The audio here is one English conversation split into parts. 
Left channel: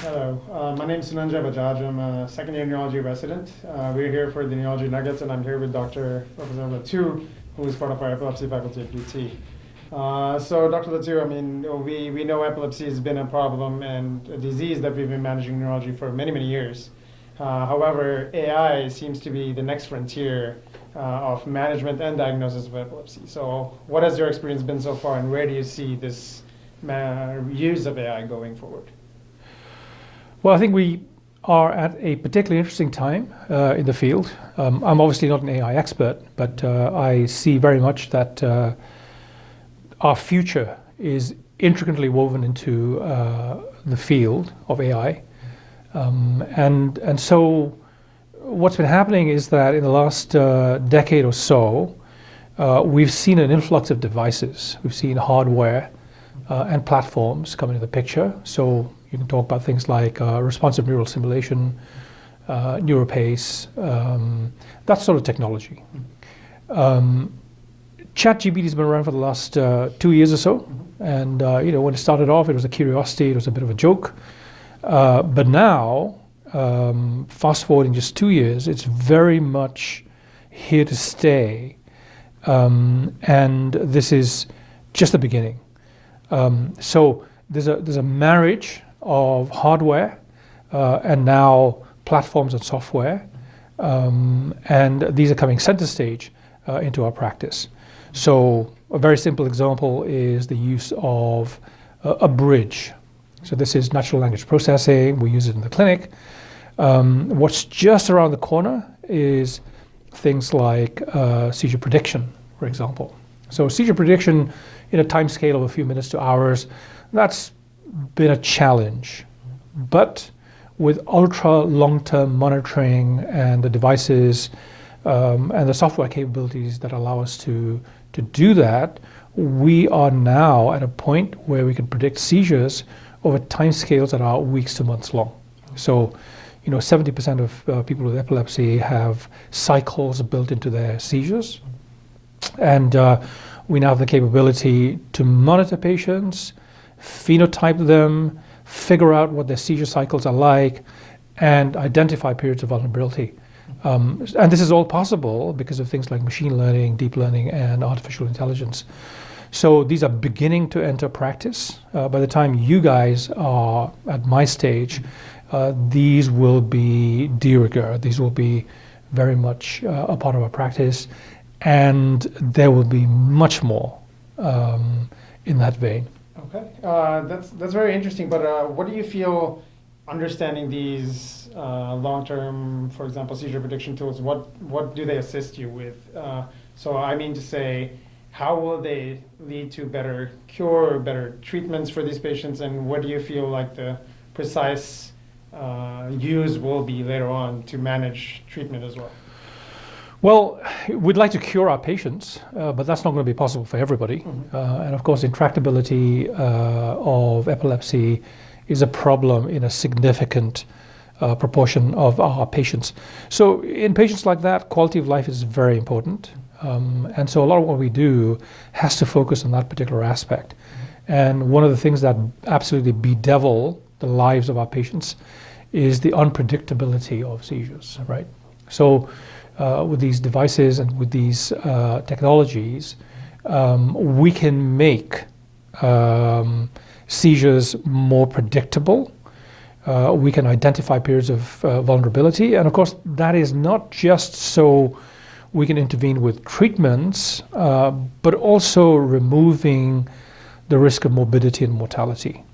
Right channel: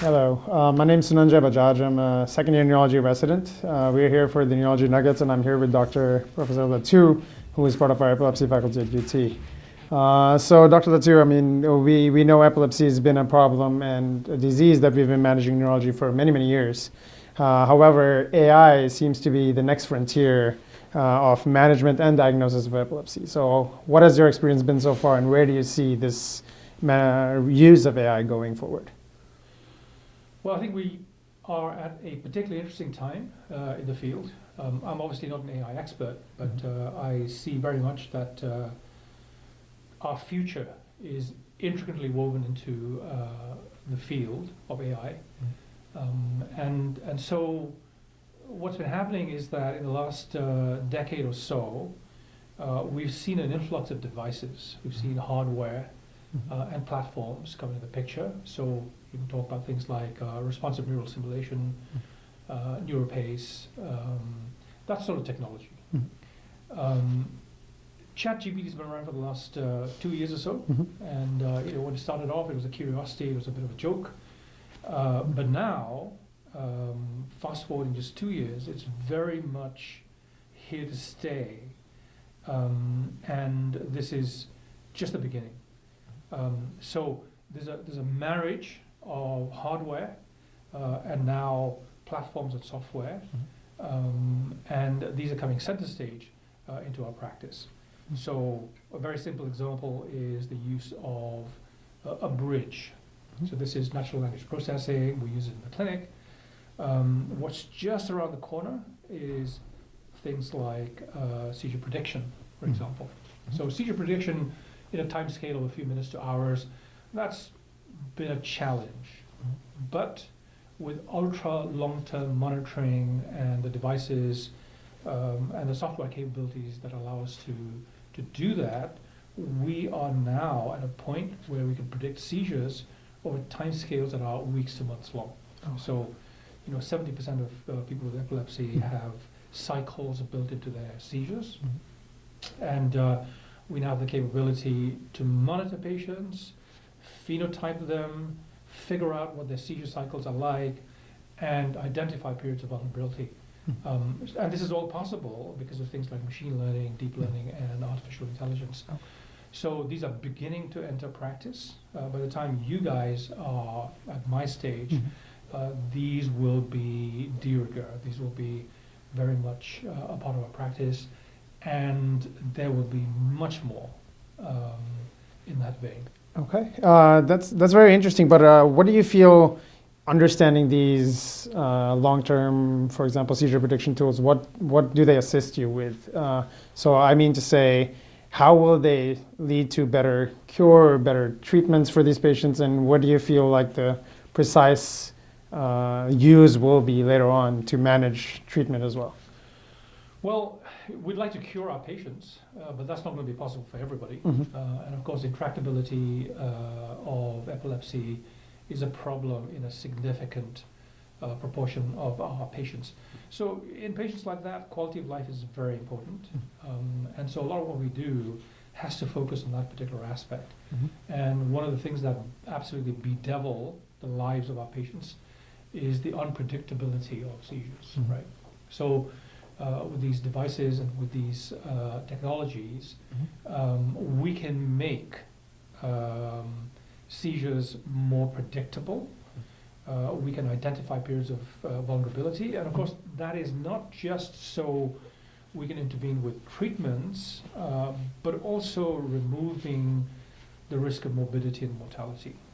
Hello, my name is Lhatoo and Bajaj. I'm a second-year neurology resident. We're here for the Neurology Nuggets, and I'm here with Professor Lhatoo, who is part of our epilepsy faculty at UT. So, Dr. Lhatoo, I mean, we know epilepsy has been a problem and a disease that we've been managing in neurology for many, many years. However, AI seems to be the next frontier of management and diagnosis of epilepsy. So, what has your experience been so far, and where do you see this use of AI going forward? Well, I think we are at a particularly interesting time in the field. I'm obviously not an AI expert, but I see very much that our future is intricately woven into the field of AI. And so what's been happening is that in the last decade or so, we've seen an influx of devices. We've seen hardware and platforms come into the picture. So you can talk about things like responsive neural simulation, NeuroPace, that sort of technology. ChatGPT has been around for the last 2 years or so, and when it started off, it was a curiosity, it was a bit of a joke. But now, fast forwarding just 2 years, it's very much here to stay, and this is just the beginning. So there's a marriage of hardware and now platforms and software, and these are coming center stage into our practice. So a very simple example is the use of a bridge. So this is natural language processing. We use it in the clinic. What's just around the corner is things like seizure prediction, for example. So seizure prediction in a time scale of a few minutes to hours, that's been a challenge. But with ultra long-term monitoring and the devices and the software capabilities that allow us to do that, we are now at a point where we can predict seizures over time scales that are weeks to months long. So, 70% of people with epilepsy have cycles built into their seizures. And we now have the capability to monitor patients, phenotype them, figure out what their seizure cycles are like, and identify periods of vulnerability. And this is all possible because of things like machine learning, deep learning, and artificial intelligence. So these are beginning to enter practice. By the time you guys are at my stage, these will be de rigueur. These will be very much a part of our practice, and there will be much more in that vein. Okay, that's very interesting. But what do you feel, understanding these long-term, for example, seizure prediction tools? What do they assist you with? So I mean to say, how will they lead to better cure, better treatments for these patients, and what do you feel like the precise use will be later on to manage treatment as well? Well, we'd like to cure our patients, but that's not going to be possible for everybody. And of course, intractability of epilepsy is a problem in a significant proportion of our patients. So in patients like that, quality of life is very important. And so a lot of what we do has to focus on that particular aspect. And one of the things that absolutely bedevil the lives of our patients is the unpredictability of seizures, right? So with these devices and with these technologies, we can make seizures more predictable. We can identify periods of vulnerability. And of course, that is not just so we can intervene with treatments, but also removing the risk of morbidity and mortality,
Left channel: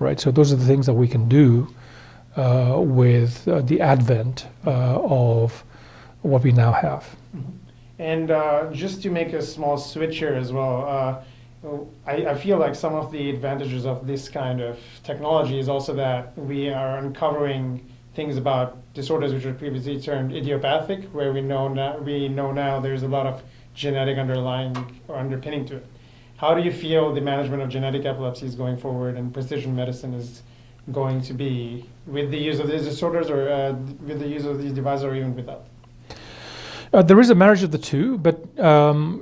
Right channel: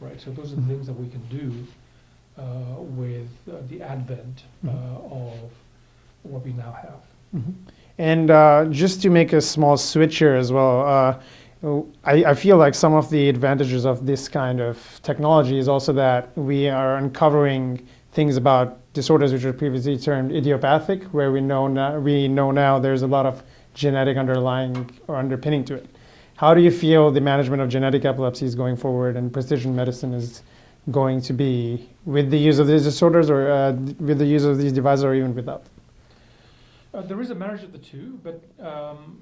right? So those are the things that we can do with the advent of what we now have. And just to make a small switch here as well, I feel like some of the advantages of this kind of technology is also that we are uncovering things about disorders which are previously termed idiopathic, where we know now there's a lot of genetic underlying or underpinning to it. How do you feel the management of genetic epilepsies going forward and precision medicine is going to be with the use of these disorders, or with the use of these devices, or even without? There is a marriage of the two, but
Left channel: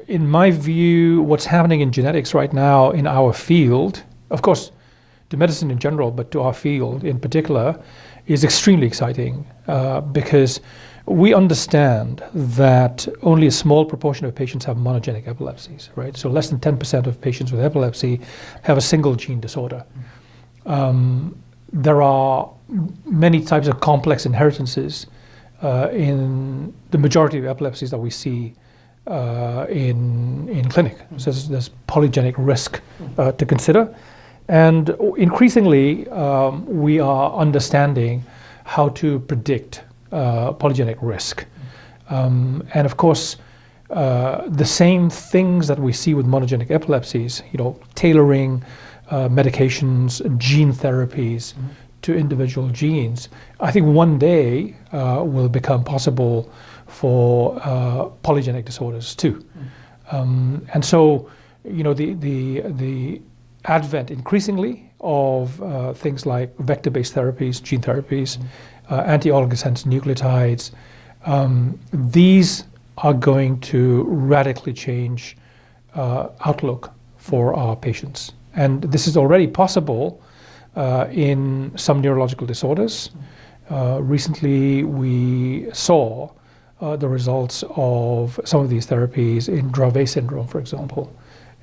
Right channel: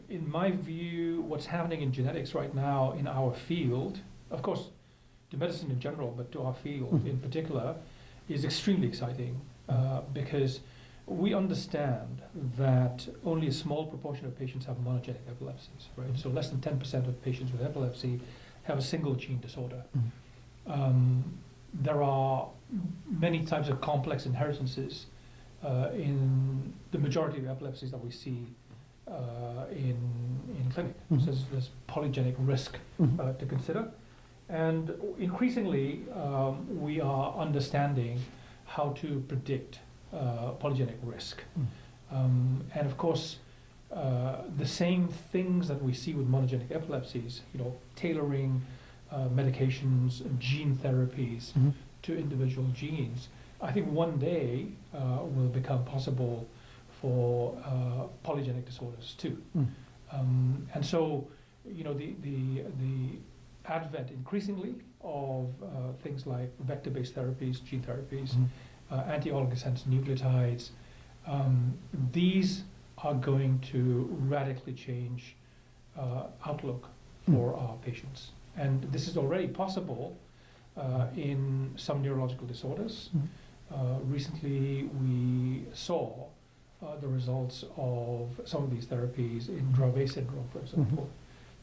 in my view, what's happening in genetics right now in our field, of course, to medicine in general, but to our field in particular, is extremely exciting because we understand that only a small proportion of patients have monogenic epilepsies, right? So less than 10% of patients with epilepsy have a single gene disorder. There are many types of complex inheritances in the majority of epilepsies that we see in clinic. So there's polygenic risk to consider. And increasingly, we are understanding how to predict polygenic risk. And of course, the same things that we see with monogenic epilepsies, tailoring medications, gene therapies to individual genes, I think one day will become possible for polygenic disorders too. And so, the advent increasingly of things like vector-based therapies, gene therapies, anti-oligosense nucleotides, these are going to radically change outlook for our patients. And this is already possible in some neurological disorders. Recently, we saw the results of some of these therapies in Dravet syndrome, for example.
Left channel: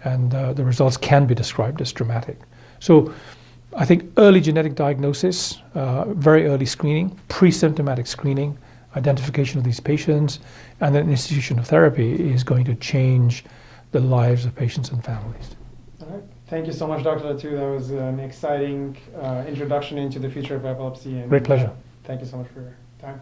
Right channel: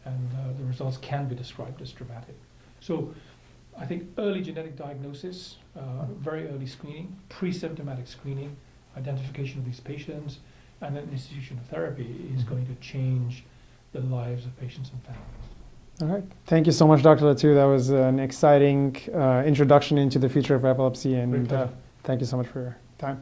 And the results can be described as dramatic. So I think early genetic diagnosis, very early screening, pre-symptomatic screening, identification of these patients, and then institution of therapy is going to change the lives of patients and families. All right. Thank you so much, Dr. Lhatoo. That was an exciting introduction into the future of epilepsy. And Great pleasure. Thank you so much for your time.